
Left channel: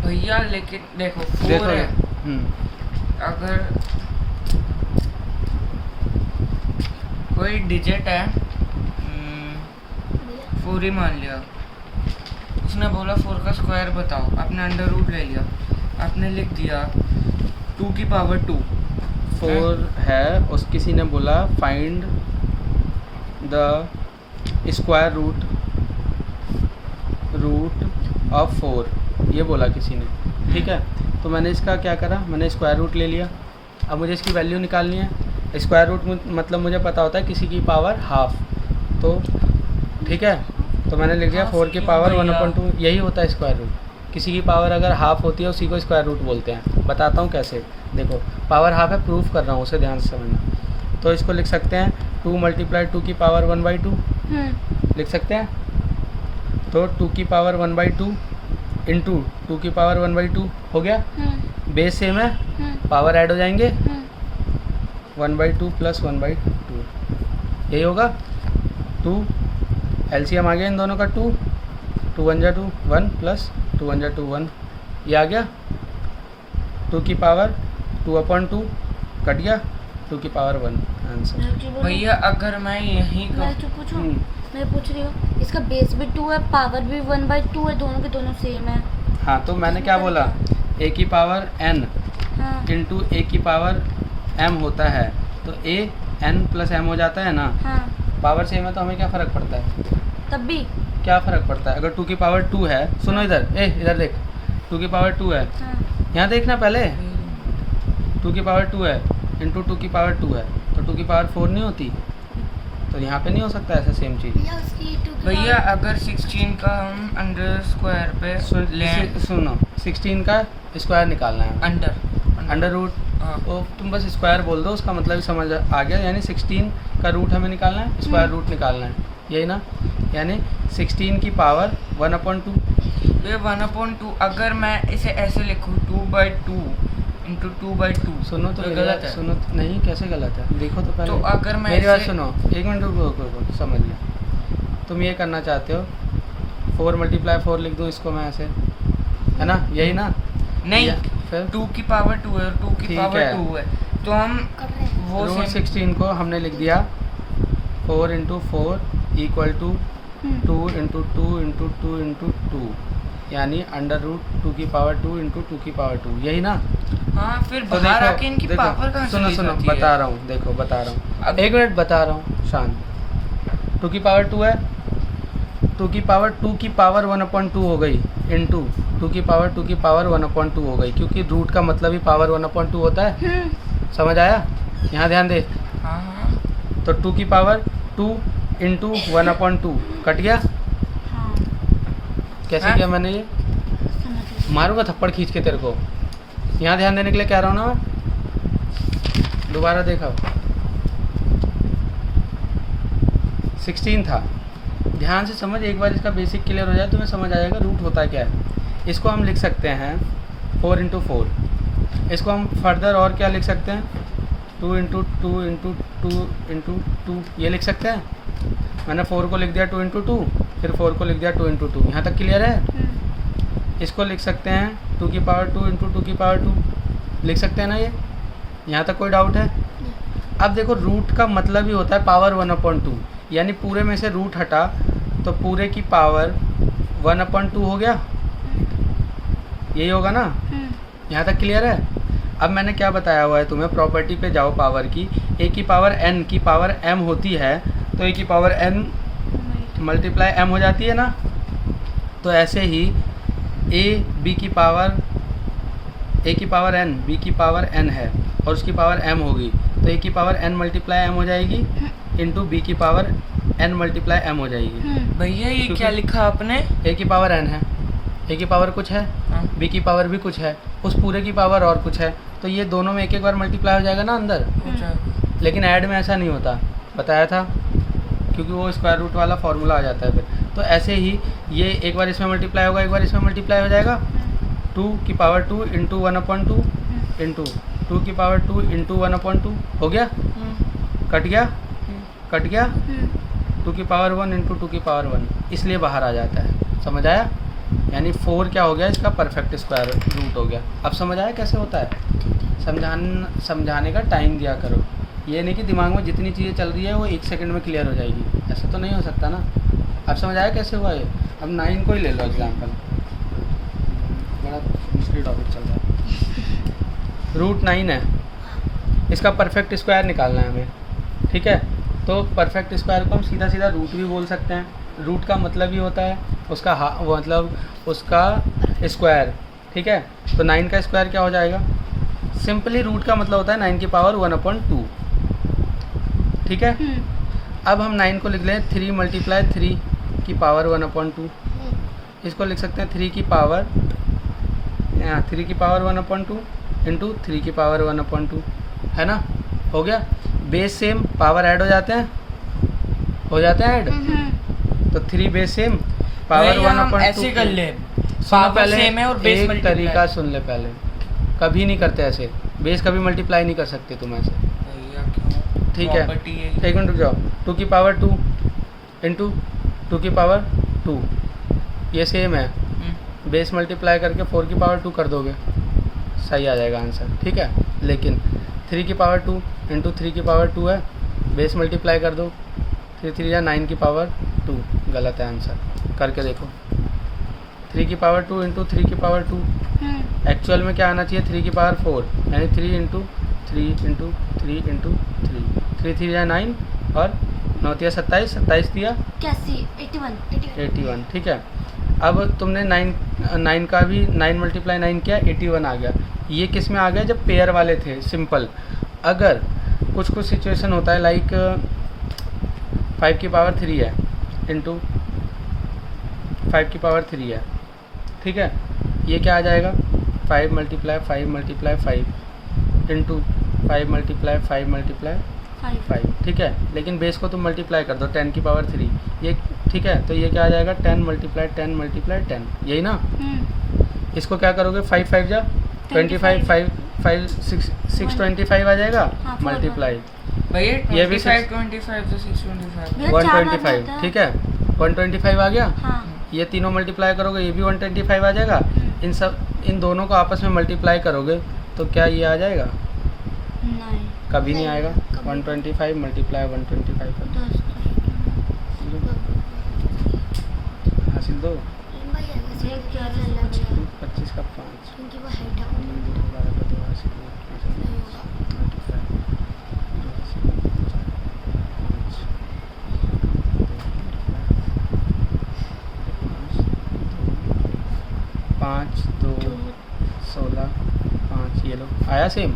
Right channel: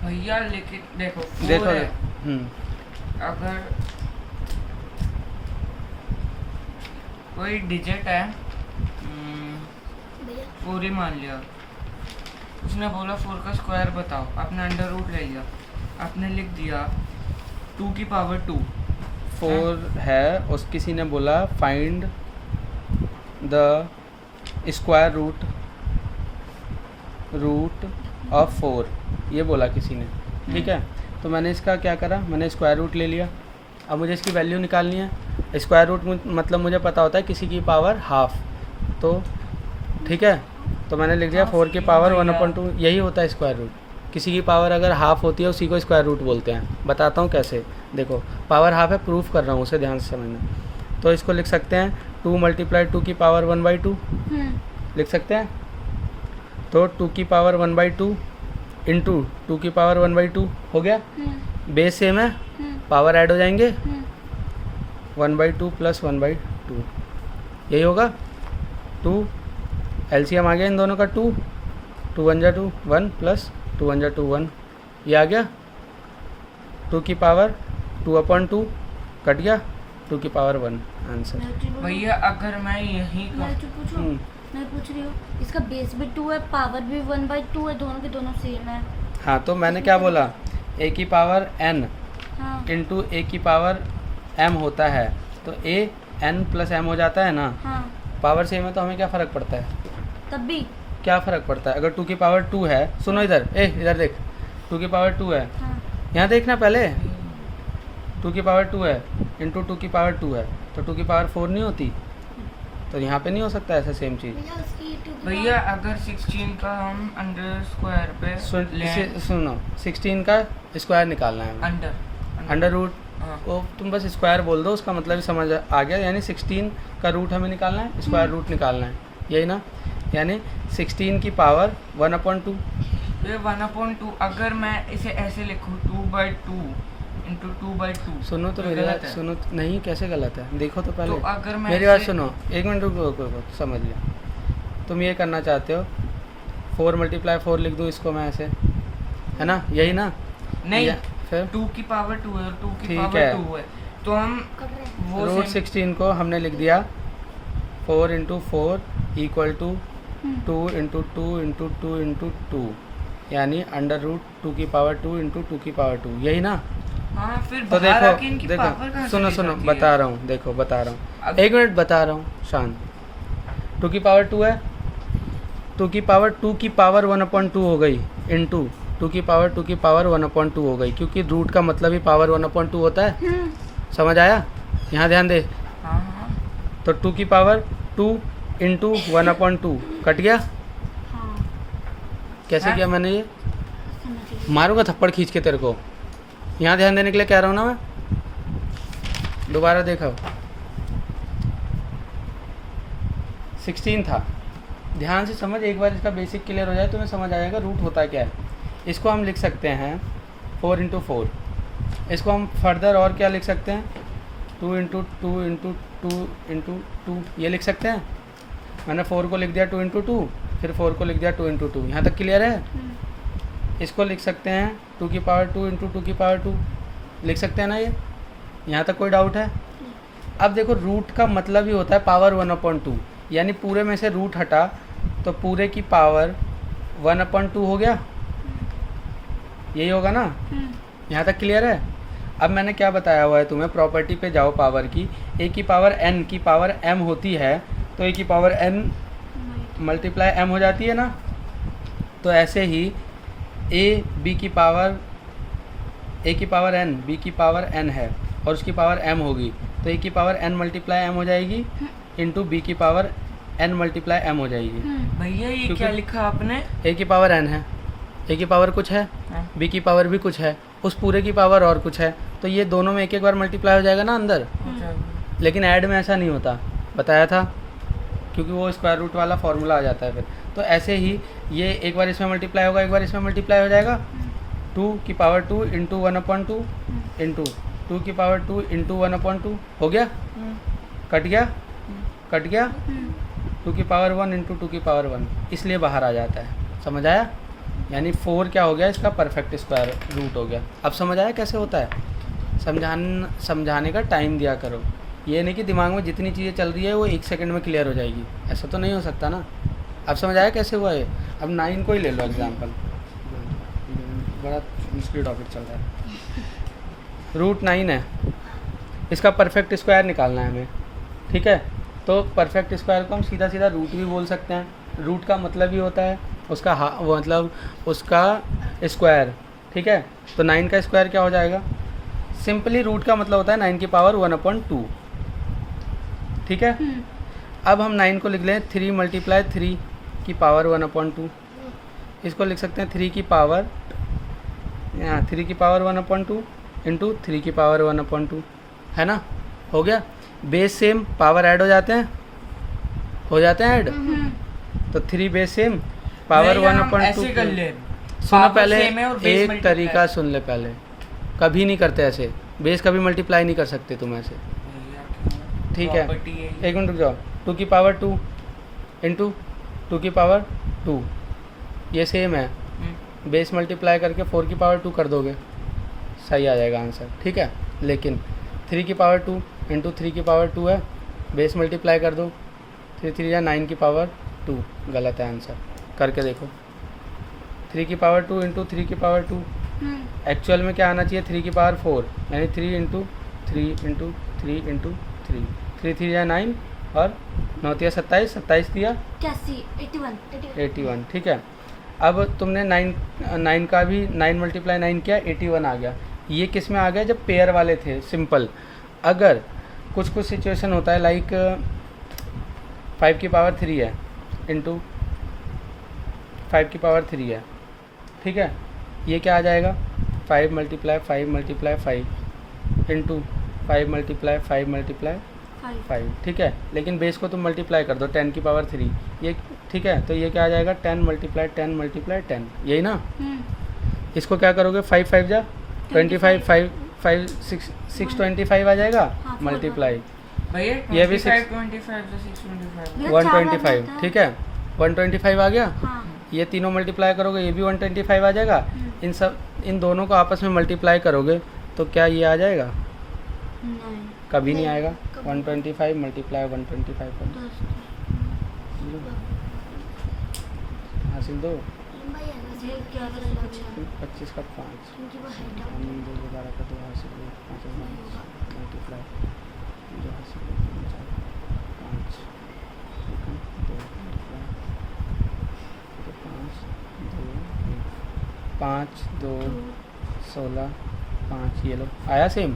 भैया। लेकिन देखो 4 देखो। है, अगर कोई डिजिट है 4 ही मान लिया, उसने बोला 4 का स्क्वायर बताओ, आपने अंडर रूट ले लिया, आपने लिख दिया 2 की पावर 2 4 है, उस किसी ने बोला find the square root of 4, ये बोला किसी ने, ठीक है। तो मैंने इसका क्या करा, मैंने स्क्वायर रूट ले लिया। अब मुझे इसकी वैल्यू निकालनी है। स्क्वायर रूट मतलब मुझे पता होता है किसी की पावर हाफ, तो ठीक है। तो मैंने लिख दिया 4 की पावर 1/2, यही होता है स्क्वायर रूट। किसी की पावर अगर हाफ होती है उसी को स्क्वायर रूट बोलते हैं। बताता हूँ कैसे, देखो पावर हाफ है, प्रूफ कर रहा हूँ, उसे ध्यान से समझना। तो इसको लिख सकते हैं 2 × 2 की पावर 1/2 लिख सकते हैं। तो 2 की पावर 1/2 × 2 की पावर 1/2 हो गया। बेस सेम है, पावर ऐड हो जाएंगे, 1/2 + 1/2 यही होगा। 2 एलसीएम आ गया इन दोनों का, 2 1 × 2 1 + 2 1 × 2 1, ये आ गया। 2 की पावर 2/2 कट गया, 2 की पावर 1 आंसर। भैया अगर मैं यहीं को मैं पूछ रही हूँ, इसका बेस भी 2 है, पावर भी 1/2 है, दोनों के दोनों सेम है। हाँ, तो मैंने क्या बोला, a की पावर n × a की पावर m होता है, तो a n + m हो जाता है ना। पावर सेम है तो हमें क्या फ़र्क पड़ता है, तब भी क्या फ़र्क पड़ता है। अगर 2 की पावर 2 है, सुनो इधर, इधर देख, 2 की पावर 2 है, यहाँ देखना पहले, 2 की पावर 2 है × 2 की पावर 2 है, तो 2 की पावर 4 नहीं होती, तो यहाँ पे नहीं हो सकता ऐसा सेम चीज़। भैया अगर 16 का हम अंडर स्क्वायर पे लें, सुनो 16 का स्क्वायर निकालना है, अंडर रूट, तो तुम बस स्क्वायर बोल दो, उसका मतलब ही समझ आ गया। यानी 16 का रूट हमें निकालना है, स्क्वायर रूट निकालना है, यही ना। यानी 16 की पावर 1/2, ये 1/2 अगर मैं इसे ऐसे लिखूँ 2/2 × 2/2, सुनो तो गलत है। सुनो नहीं, कैसे गलत है, देखो तो पहले। तो अगर मैं मेरी बात इसे- सुनो, 1 मिनट रुको, समझ लो। तुम ये करना चाहते हो 4 × 4 लिख दूँ इसको मैं ऐसे, है ना, यही ना। नहीं, फिर 2 की पावर 2 है और 2 की ठीक पावर है। 2 है, तो हम वो रूट सेम 16 को हमने लिख दिया 4 × 4 = 2 × 2 × 2 × 2, यानी अंडर रूट 2 की पावर 2 × 2 की पावर 2, यही ना। हाँ फिर तो बाहर देखो आके इनकी पावर कहाँ सुनो चली सुनो जाती है? बता रहा हूँ, देखो बता रहा हूँ, अब- 1 मिनट बता रहा हूँ, शांत। 2 की पावर 2 है, 2 की पावर 2 की पावर 1/2 हो गई इंटू 2 की पावर 2 की पावर 1/2 हो गई, क्योंकि रूट का मतलब ही पावर 1/2 होता है। समझ आया? यहाँ ध्यान दे। हाँ हाँ तो 2 की पावर 2 इंटू 1/2 कट गया। हाँ कैसे हाँ? किया मैंने ये? मारूंगा थप्पड़ खींच के तेरे को। यहाँ ध्यान देने के लिए कह रहा हूँ ना मैं। दोबारा देखा 16 था। ध्यान से समझ, एक बार इसका बेसिक क्लियर हो जाए तो मैं समझ आ जाएगा रूट होता क्या है। इसको हम लिख सकते हैं 4 इंटू 4। इसको हम फर्दर और क्या लिख सकते हैं, 2 इंटू 2 इंटू 2 इंटू 2 ये लिख सकते हैं। मैंने 4 को लिख दिया 2 इंटू 2, फिर 4 को लिख दिया 2 इंटू 2। यहाँ तक क्लियर है? इसको लिख सकते हैं 2 की पावर 2 इंटू 2 की पावर 2 लिख सकते हैं ना ये? यहाँ तक कोई डाउट है? अब देखो रूट का मतलब ही होता है पावर 1/2, यानी पूरे में से रूट हटा तो पूरे की पावर 1/2 हो गया, यही होगा ना? यहाँ तक क्लियर है? अब मैंने क्या बताया हुआ है तुम्हें, प्रॉपर्टी पे जाओ पावर की। a की पावर n की पावर m होती है, तो a की पावर n मल्टीप्लाई m हो जाती है ना? तो ऐसे ही a की पावर n b की पावर n है और उसकी पावर m होगी, तो a की पावर n मल्टीप्लाई m हो जाएगी इंटू b की पावर n मल्टीप्लाई m हो जाएगी। भैया ये क्योंकि- क्या लिखा आपने? a की पावर n है, a की पावर कुछ है, हाँ। b की पावर भी कुछ है, उस पूरे की पावर और कुछ है, तो ये दोनों में एक एक बार मल्टीप्लाई हो जाएगा ना अंदर। हो जाएगा। लेकिन ऐड में ऐसा नहीं होता, बताया था, क्योंकि वो स्क्वायर रूट वाला फॉर्मूला आ जाता है फिर। तो ऐसे ही ये एक बार इसमें मल्टीप्लाई होगा, एक बार इसमें मल्टीप्लाई हो जाएगा। 2 की पावर 2 इंटू 1/2 इंटू 2 की पावर 2 इंटू 1/2 हो गया, कट गया, कट गया। 2 की पावर 1 इंटू 2 की पावर 1, इसलिए बाहर आ जाता है। समझ आया? यानी 4 क्या हो गया, इसका परफेक्ट स्क्वायर रूट हो गया। अब समझ आया कैसे होता है? समझाने का टाइम दिया करो, ये नहीं कि दिमाग में जितनी चीज़ें चल रही है वो 1 सेकंड में क्लियर हो जाएगी, ऐसा तो नहीं हो सकता ना। अब समझ आया कैसे हुआ ये? अब 9 को ही ले लो एग्जाम्पल, बड़ा मुश्किल टॉपिक चल रहा है। रूट 9 है, इसका परफेक्ट स्क्वायर निकालना है हमें, ठीक है? तो परफेक्ट स्क्वायर को हम सीधा सीधा रूट भी बोल सकते हैं। रूट का मतलब ही होता है उसका मतलब उसका स्क्वायर, ठीक है? तो 9 का स्क्वायर क्या हो जाएगा? सिंपली रूट का मतलब होता है 9 की पावर 1/2, ठीक है? अब हम 9 को लिख लें 3 मल्टीप्लाई 3 की पावर 1/2। इसको लिख सकते हैं 3 की पावर 1/2 इंटू 3 की पावर 1/2, है ना? हो गया। बेस सेम, पावर ऐड हो जाते हैं, ऐड। तो 3 बेस सेम, पावर भैया हम 1/2 ऐसे कर ले, सुनो पावर पहले, सेम है और बेस एक मल्टीप्लाई। तरीका सुन ले पहले, कभी नहीं करते ऐसे, बेस कभी मल्टीप्लाई नहीं कर सकते तुम ऐसे, भैया क्यों? ठीक है? Property है। 1 मिनट रुक जाओ। 2 की पावर 2 इंटू 2 की पावर 2 ये सेम है, बेस मल्टीप्लाई करके 4 की पावर 2 कर दोगे, सही आ जाएगा आंसर, ठीक है? लेकिन 3 की पावर 2 इंटू 3 की पावर 2 है, बेस मल्टीप्लाई कर दो, 3 या 9 की पावर 2, गलत है आंसर, करके देखो। 3 की पावर 2 इंटू 3 की पावर 2, एक्चुअल में क्या आना चाहिए? 3 की पावर 4, यानी 3 इंटू 3 इंटू 3 इंटू 3, 3 या 9 और 9 या 27, 27 दिया 81, ठीक है? अब तुमने 9 का भी 9 मल्टीप्लाई 9 किया, 81 आ गया। ये किस में आ गया? जब पेयर वाले थे, सिंपल। अगर कुछ सिचुएशन होता है लाइक 5 की पावर 3 है इंटू 5 की पावर 3 है, ठीक है? ये क्या आ जाएगा? 5 multiply 5 multiply 5 into 5 multiply 5 multiply 5, ठीक है? लेकिन बेस को तुम मल्टीप्लाई कर दो 10 की पावर 3, ये ठीक है? तो ये क्या आ जाएगा? 10 मल्टीप्लाई 10 मल्टीप्लाई 10, यही ना? इसको क्या करोगे? 5 5 जा 25, 5 625 आ जाएगा, हाँ, मल्टीप्लाई भैया ये भी 25 25 से 625। 125, ठीक है? 125 आ गया। ये तीनों मल्टीप्लाई करोगे, ये भी 125 आ जाएगा। इन दोनों को आपस में मल्टीप्लाई करोगे तो क्या ये आ जाएगा? कभी नहीं आएगा। 125 मल्टीप्लाई 125 कर दो, हासिल दो। 25 का 5 क्योंकि वो हेड है। 12 का 2 से 5 मल्टीप्लाई 2 से 5 2 16 5 ये लो आया सेम।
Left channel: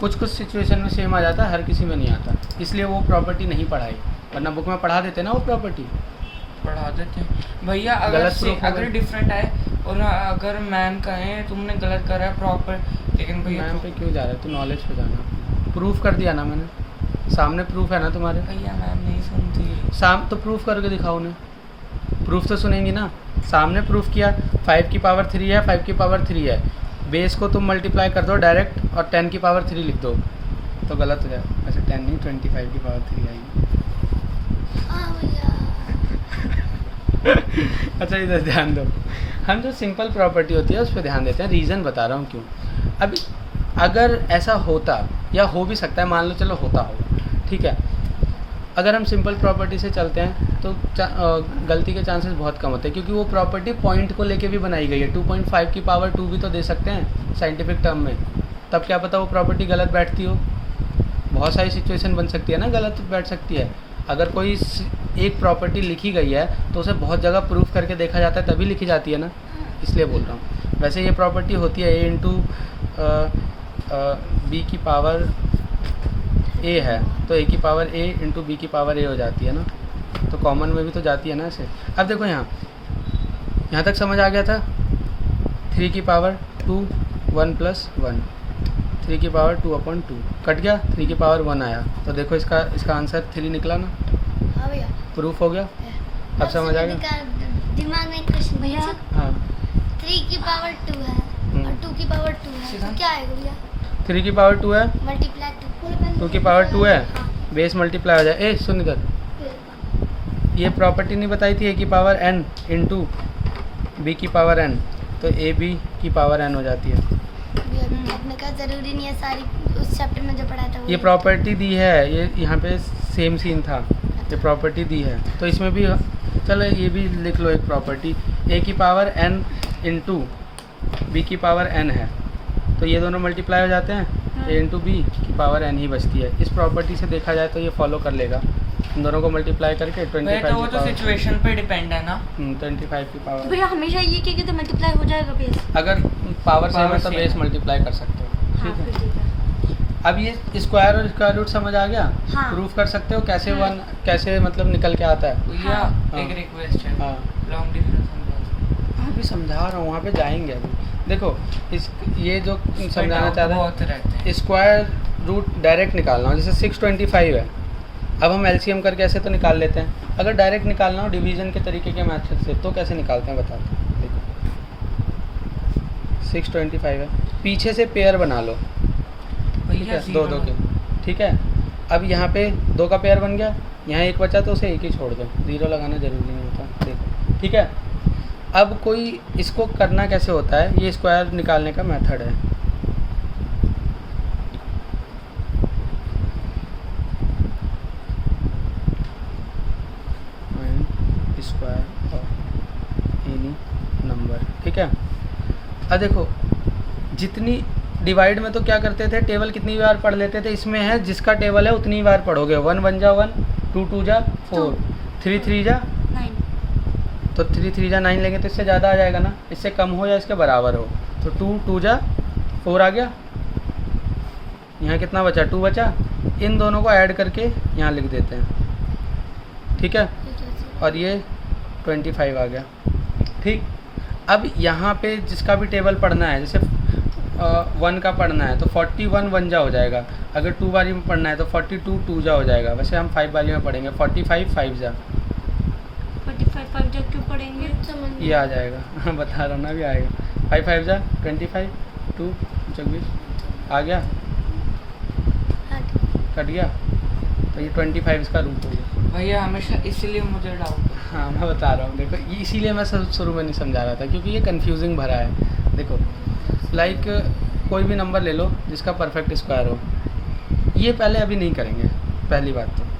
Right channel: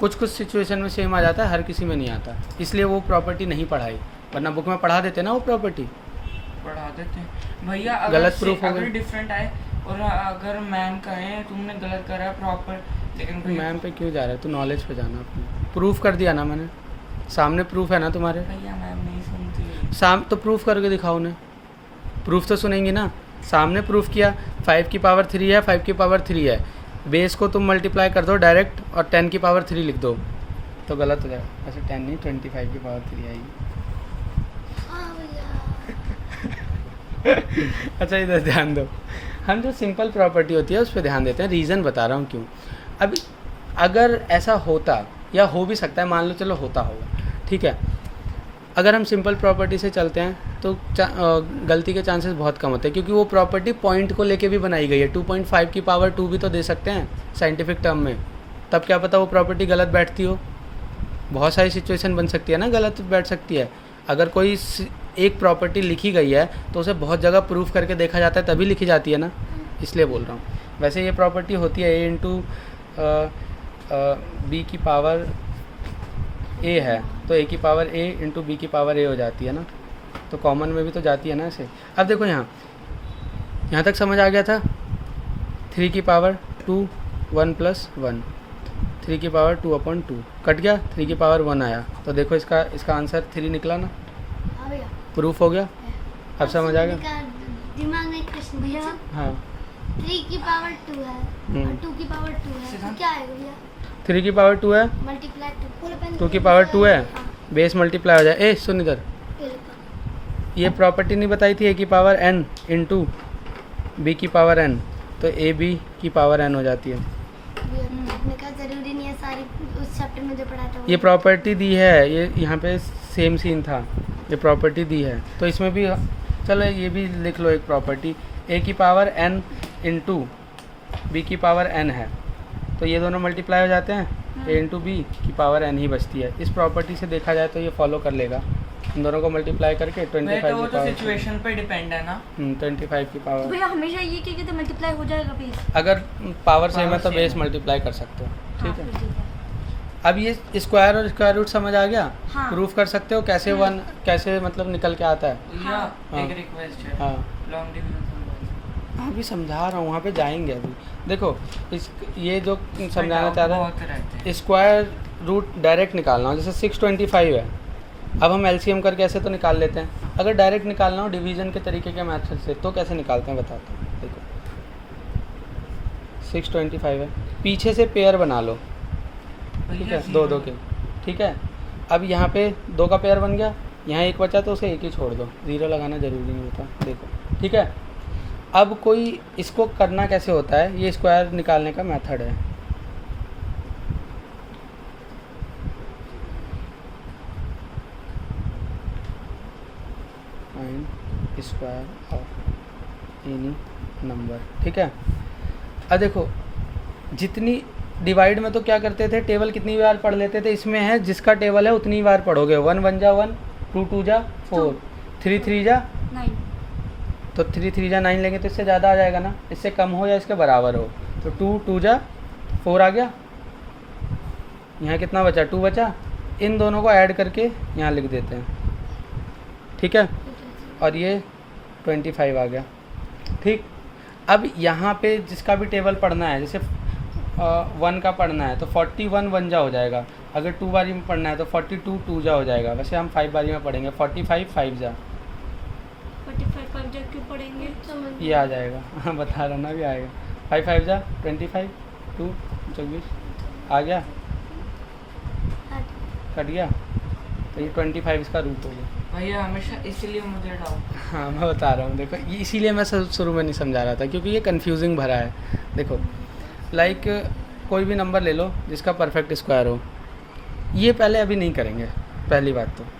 कुछ कुछ सिचुएशन में सेम आ जाता है, हर किसी में नहीं आता, इसलिए वो प्रॉपर्टी नहीं पढ़ाई, वरना बुक में पढ़ा देते ना वो प्रॉपर्टी। पढ़ा देते हैं भैया। गलत proof हो अगर गया। डिफरेंट आए और अगर मैम कहें तुमने गलत करा है प्रॉपर, लेकिन भैया मैम पे क्यों जा रहा है, तू नॉलेज पे जाना। प्रूफ कर दिया ना मैंने, सामने प्रूफ है ना तुम्हारे, भैया मैम नहीं सुनती। तो प्रूफ करके दिखाओ उन्हें, प्रूफ तो सुनेंगी ना। सामने प्रूफ किया 5 की पावर 3 है, 5 की पावर 3 है, बेस को तुम मल्टीप्लाई कर दो डायरेक्ट और 10 की पावर 3 लिख दो तो गलत हो जाए। ऐसे 10 नहीं 25 की पावर 3 आएगी। हाँ भैया। अच्छा इधर ध्यान दो, हम जो सिंपल प्रॉपर्टी होती है उस पर ध्यान देते हैं, रीज़न बता रहा हूँ क्यों। अभी अगर ऐसा होता या हो भी सकता है, मान लो चलो होता होगा, ठीक है, अगर हम सिंपल प्रॉपर्टी से चलते हैं तो गलती के चांसेस बहुत कम होते हैं, क्योंकि वो प्रॉपर्टी पॉइंट को लेके भी बनाई गई है। 2.5 की पावर 2 भी तो दे सकते हैं साइंटिफिक टर्म में, तब क्या पता वो प्रॉपर्टी गलत बैठती हो। बहुत सारी सिचुएशन बन सकती है ना, गलत बैठ सकती है। अगर कोई एक प्रॉपर्टी लिखी गई है तो उसे बहुत जगह प्रूफ करके देखा जाता है तभी लिखी जाती है ना, इसलिए बोल रहा हूँ। वैसे ये प्रॉपर्टी होती है a इंटू बी की पावर a है, तो a की पावर a इंटू बी की पावर a हो जाती है ना, तो कॉमन में भी तो जाती है ना ऐसे। अब देखो यहाँ तक समझ आ गया था। 3 की पावर 2 1 प्लस 1, 3 की पावर 2/2 कट गया, 3 की पावर 1 आया, तो देखो इसका आंसर 3 निकला ना, हाँ भैया। प्रूफ हो गया। अब समझ आ गया। दिमाग में एक क्वेश्चन भैया। हाँ 3 की पावर 2 है और 2 की पावर 2 है, तो क्या आएगा भैया? 3 की पावर 2 है, मल्टीप्लाई 2 की पावर 2 है, बेस मल्टीप्लाई हो जाए। ए सुन इधर, ये प्रॉपर्टी नहीं बताई थी a की पावर n इंटू बी की पावर n, तो ए बी की पावर n हो जाती है। आपने कहा जरूरी नहीं है सारी उस चैप्टर में जो पढ़ा था ये प्रॉपर्टी दी है, ये यहाँ पे सेम सीन था, ये प्रॉपर्टी दी है, तो इसमें भी चलो ये भी लिख लो एक प्रॉपर्टी, a की पावर n इंटू बी की पावर n है, तो ये दोनों मल्टीप्लाई हो जाते हैं, a इंटू बी की पावर n ही बचती है। इस प्रॉपर्टी से देखा जाए तो ये फॉलो कर लेगा, इन दोनों को मल्टीप्लाई करके 25 तो वो की तो पावर सिचुएशन पे डिपेंड है ना। 25 की पावर, भैया हमेशा ये कि तो मल्टीप्लाई हो जाएगा बेस। अगर पावर सेम है तो same बेस है। मल्टीप्लाई कर सकते हो, ठीक है। ठीक है। अब ये स्क्वायर और स्क्वायर रूट समझ आ गया, हाँ। प्रूफ कर सकते हो कैसे वन कैसे मतलब निकल के आता है। भैया हाँ। एक रिक्वेस्ट है, हाँ लॉन्ग डिफरेंस अभी समझा रहा हूँ, वहाँ पे जाएंगे अभी। देखो ये जो समझाना चाह रहा बहुत रहते है, हैं। स्क्वायर रूट डायरेक्ट निकालना हो, जैसे 625 है, अब हम एलसीएम करके ऐसे तो निकाल लेते हैं, अगर डायरेक्ट निकालना हो डिवीजन के तरीके के मेथड से तो कैसे निकालते हैं बताते हैं। देखो 625 है, पीछे से पेयर बना लो, ठीक है, दो के, ठीक है। अब यहाँ पे 2 का पेयर बन गया, यहाँ 1 बचा तो उसे 1 ही छोड़ दो, 0 लगाना ज़रूरी नहीं होता, देखो, ठीक है। अब कोई इसको करना कैसे होता है, ये स्क्वायर निकालने का मेथड है। स्क्वायर ऑफ एनी नंबर, ठीक है। अब देखो जितनी डिवाइड में तो क्या करते थे, टेबल कितनी बार पढ़ लेते थे, इसमें है जिसका टेबल है उतनी बार पढ़ोगे। 1 1 जा 1, 2 2 जा 4, 3 3 जा 9, तो 3 3 जा 9 लेंगे तो इससे ज़्यादा आ जाएगा ना, इससे कम हो या इसके बराबर हो, तो 2 2 जा 4 आ गया, यहाँ कितना बचा 2 बचा, इन दोनों को ऐड करके यहाँ लिख देते हैं, ठीक है, और ये 25 आ गया, ठीक। अब यहाँ पे जिसका भी टेबल पढ़ना है, जैसे 1 का पढ़ना है तो 41 1 जा हो जाएगा, अगर 2 बारी में पढ़ना है तो 42 2 जा हो जाएगा, वैसे हम 5 बारी में पढ़ेंगे, 45 5 जा 45 5 जब क्यों पढ़ेंगे? ये आ जाएगा हाँ बता रहा हूँ ना, भी आएगा, 5 5 जा 25 2 24 आ गया, कट गया, तो ये 25 इसका रूट हो गया। भैया हमेशा इसलिए मुझे डाउट। हाँ मैं बता रहा हूँ, देखो इसीलिए मैं शुरू में नहीं समझा रहा था, क्योंकि ये कंफ्यूजिंग भरा है। देखो लाइक कोई भी नंबर ले लो जिसका परफेक्ट स्क्वायर हो, ये पहले अभी नहीं करेंगे, पहली बात तो